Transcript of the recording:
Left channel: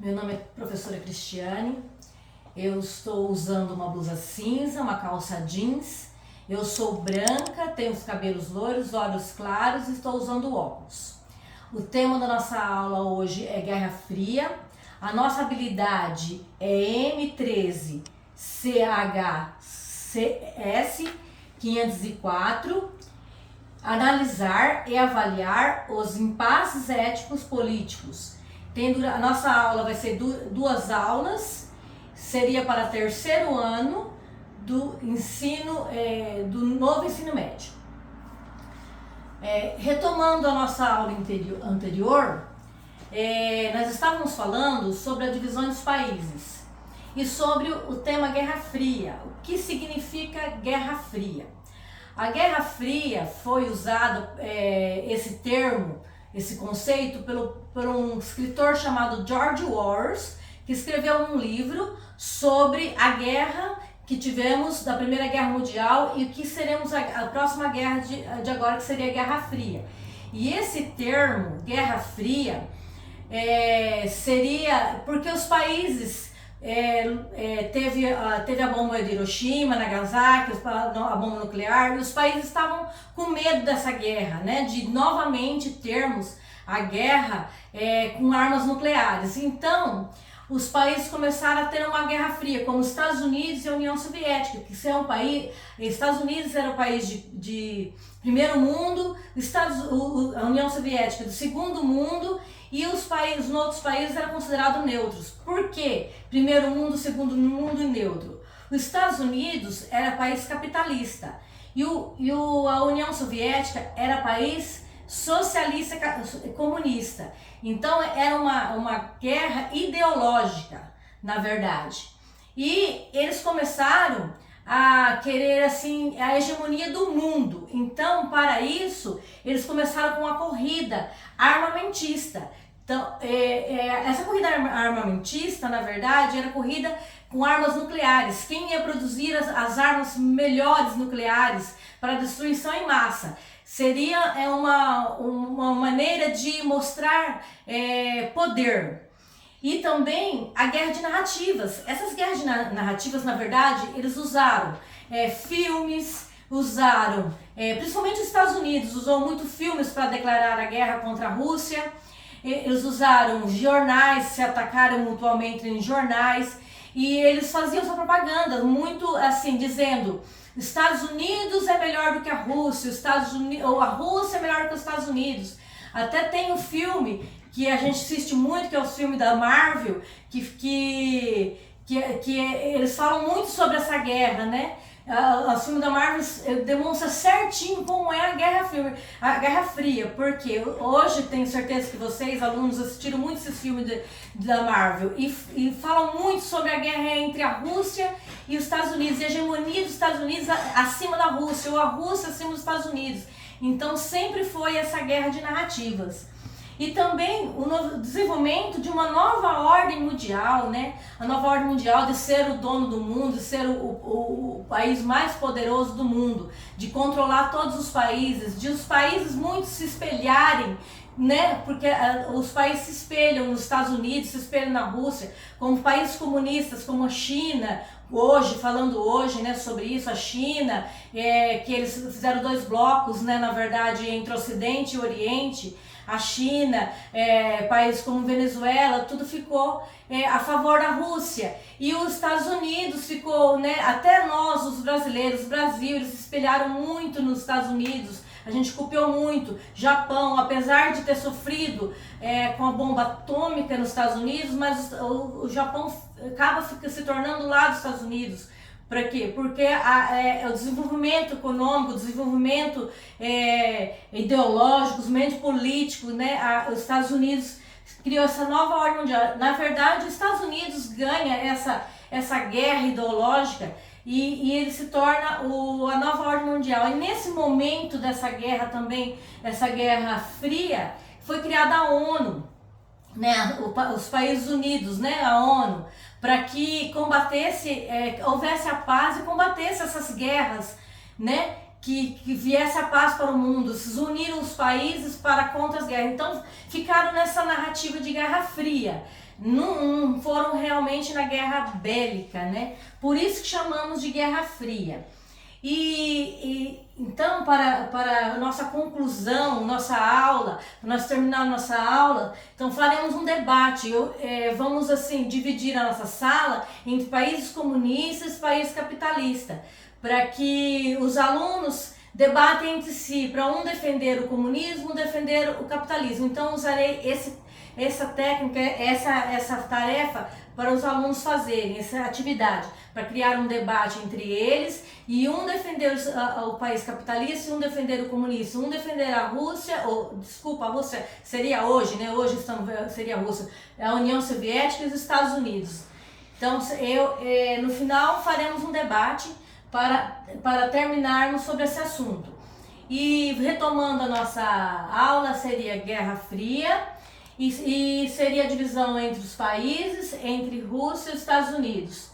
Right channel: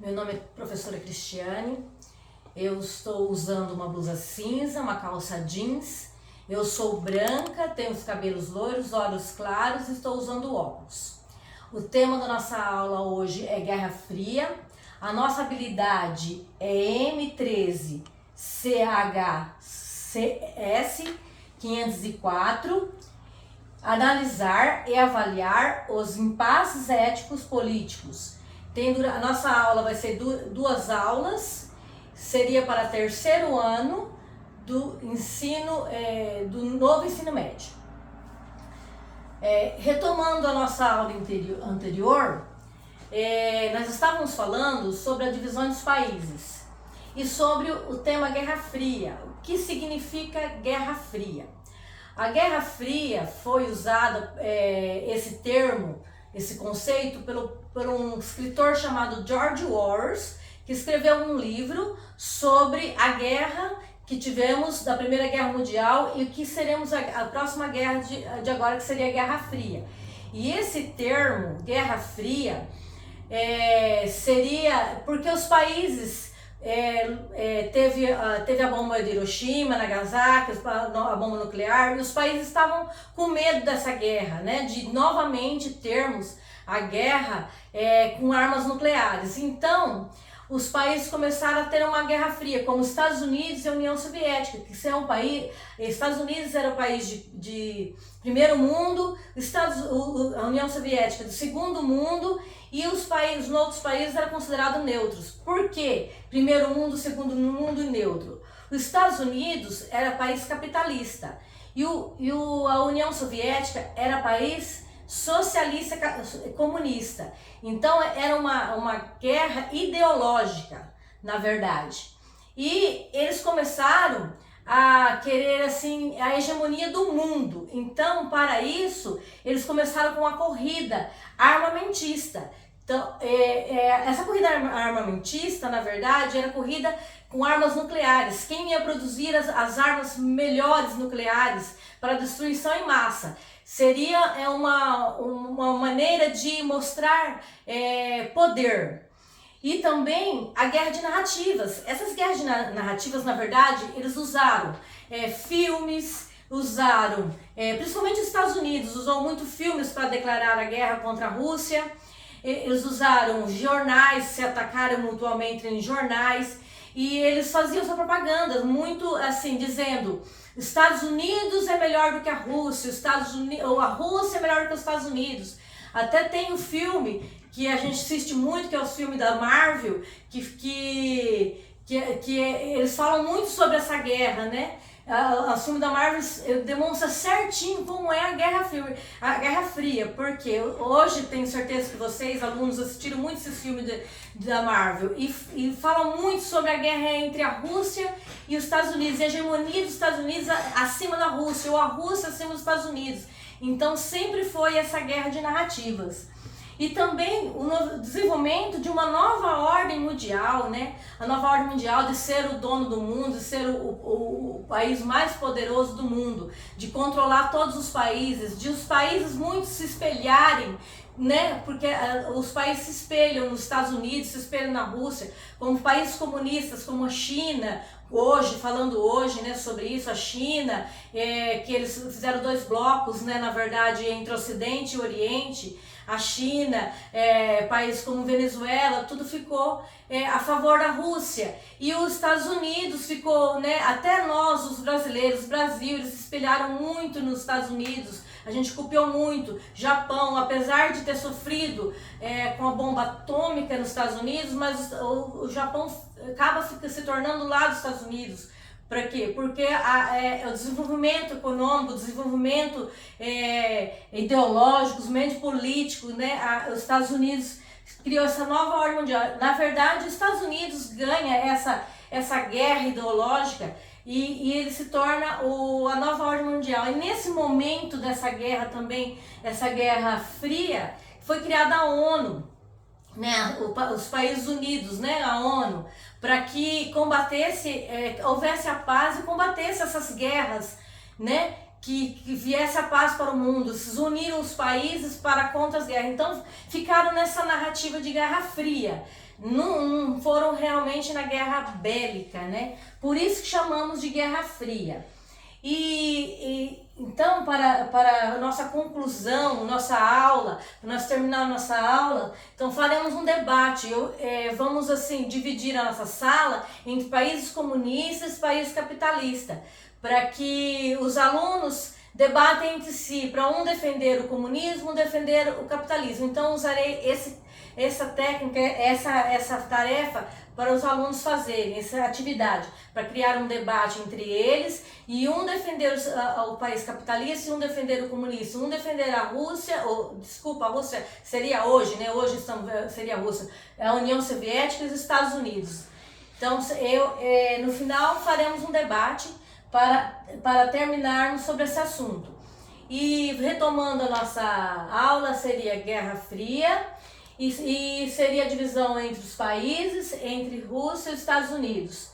Meu nome é professora Cristiane, eu estou usando uma blusa cinza, uma calça jeans, eu sou branca, tenho os cabelos loiros, olhos claros e estou usando óculos. O tema da nossa aula hoje é Guerra Fria, a nossa habilidade é M13 CHCS 504, analisar e avaliar os impasses éticos políticos. A nossa aula vai ser duas aulas, seria para terceiro ano do do novo ensino médio. Retomando a nossa aula anterior, nós estávamos falando sobre a divisão dos países e sobre o tema Guerra Fria. O que significa Guerra Fria? A Guerra Fria foi usada, esse termo, esse conceito, por um escritor chamado George Orwell, que escreveu um livro sobre a guerra que tivemos da Primeira Guerra Mundial e o que seremos a próxima guerra de agora, que seria a Guerra Fria. E esse termo, Guerra Fria, seria porque os países teve a bomba de Hiroshima, Nagasaki, a bomba nuclear, e os países estavam com medo dessa guerra, né, de novamente termos a guerra com armas nucleares. Então, os países começaram a ter uma guerra fria, como os Estados Unidos e a União Soviética, que é um país, Estados Unidos era o país de primeiro mundo, a União Soviética do segundo mundo, e os outros países eram considerados neutros. Por quê? Primeiro mundo, segundo mundo e neutro. Os Estados Unidos era país capitalista e a União Soviética era país socialista comunista. Então era uma guerra ideológica, na verdade. E eles começaram a querer assim a hegemonia do mundo. Então, para isso, eles começaram com uma corrida armamentista. Então, essa corrida armamentista, na verdade, era corrida com armas nucleares. Quem ia produzir as armas melhores nucleares para destruição em massa? Seria uma maneira de mostrar poder. E também a guerra de narrativas. Essas guerras de narrativas, na verdade, eles usaram filmes, usaram, principalmente os Estados Unidos, usou muito filmes para declarar a guerra contra a Rússia. Eles usaram jornais, se atacaram mutuamente em jornais, e eles faziam sua propaganda, muito assim, dizendo: Estados Unidos é melhor do que a Rússia, ou a Rússia é melhor do que os Estados Unidos. Até tem um filme que a gente assiste muito, que é o filme da Marvel, que eles falam muito sobre essa guerra, né? O filme da Marvel demonstra certinho como é a Guerra Fria, porque hoje tenho certeza que vocês, alunos, assistiram muito esse filme da Marvel e falam muito sobre a guerra entre a Rússia e os Estados Unidos, e a hegemonia dos Estados Unidos acima da Rússia, ou a Rússia acima dos Estados Unidos. Então sempre foi essa guerra de narrativas. E também o desenvolvimento de uma nova ordem mundial, né? A nova ordem mundial de ser o dono do mundo, de ser o país mais poderoso do mundo, de controlar todos os países, de os países muito se espelharem, né? Porque os países se espelham nos Estados Unidos, se espelham na Rússia, como países comunistas, como a China. Falando hoje, né, sobre isso, a China, que eles fizeram dois blocos, né, na verdade, entre Ocidente e Oriente. A China, países como Venezuela, tudo ficou a favor da Rússia. E os Estados Unidos ficou, né, até nós, os brasileiros, o Brasil, eles se espelharam muito nos Estados Unidos. A gente copiou muito. Japão, apesar de ter sofrido com a bomba atômica nos Estados Unidos, mas o Japão acaba se tornando lá dos Estados Unidos. Para quê? Porque o desenvolvimento econômico, o desenvolvimento ideológico, o desenvolvimento político, né? Os Estados Unidos criou essa nova ordem mundial. Na verdade, os Estados Unidos ganha essa guerra ideológica e ele se torna a nova ordem mundial. E nesse momento dessa guerra também, essa Guerra Fria, foi criada a ONU, né? Os Países Unidos, né? A ONU, para que houvesse a paz e combatesse essas guerras, né? Que viesse a paz para o mundo. Se uniram os países contra as guerras. Então ficaram nessa narrativa de Guerra Fria. não foram realmente na guerra bélica, né? Por isso que chamamos de Guerra Fria. Então, para nossa conclusão, nossa aula, para nós terminar nossa aula, então faremos um debate. Vamos assim dividir a nossa sala entre países comunistas e países capitalistas, para que os alunos debatem entre si, para um defender o comunismo, um defender o capitalismo. Então, usarei essa técnica, essa tarefa para os alunos fazerem, essa atividade, para criar um debate entre eles, e um defender o país capitalista e um defender o comunista, um defender a Rússia, a Rússia seria hoje, né? Hoje seria a Rússia, a União Soviética e os Estados Unidos. Então, no final faremos um debate para terminarmos sobre esse assunto. E retomando a nossa aula, seria Guerra Fria, e seria a divisão entre os países, entre Rússia e Estados Unidos.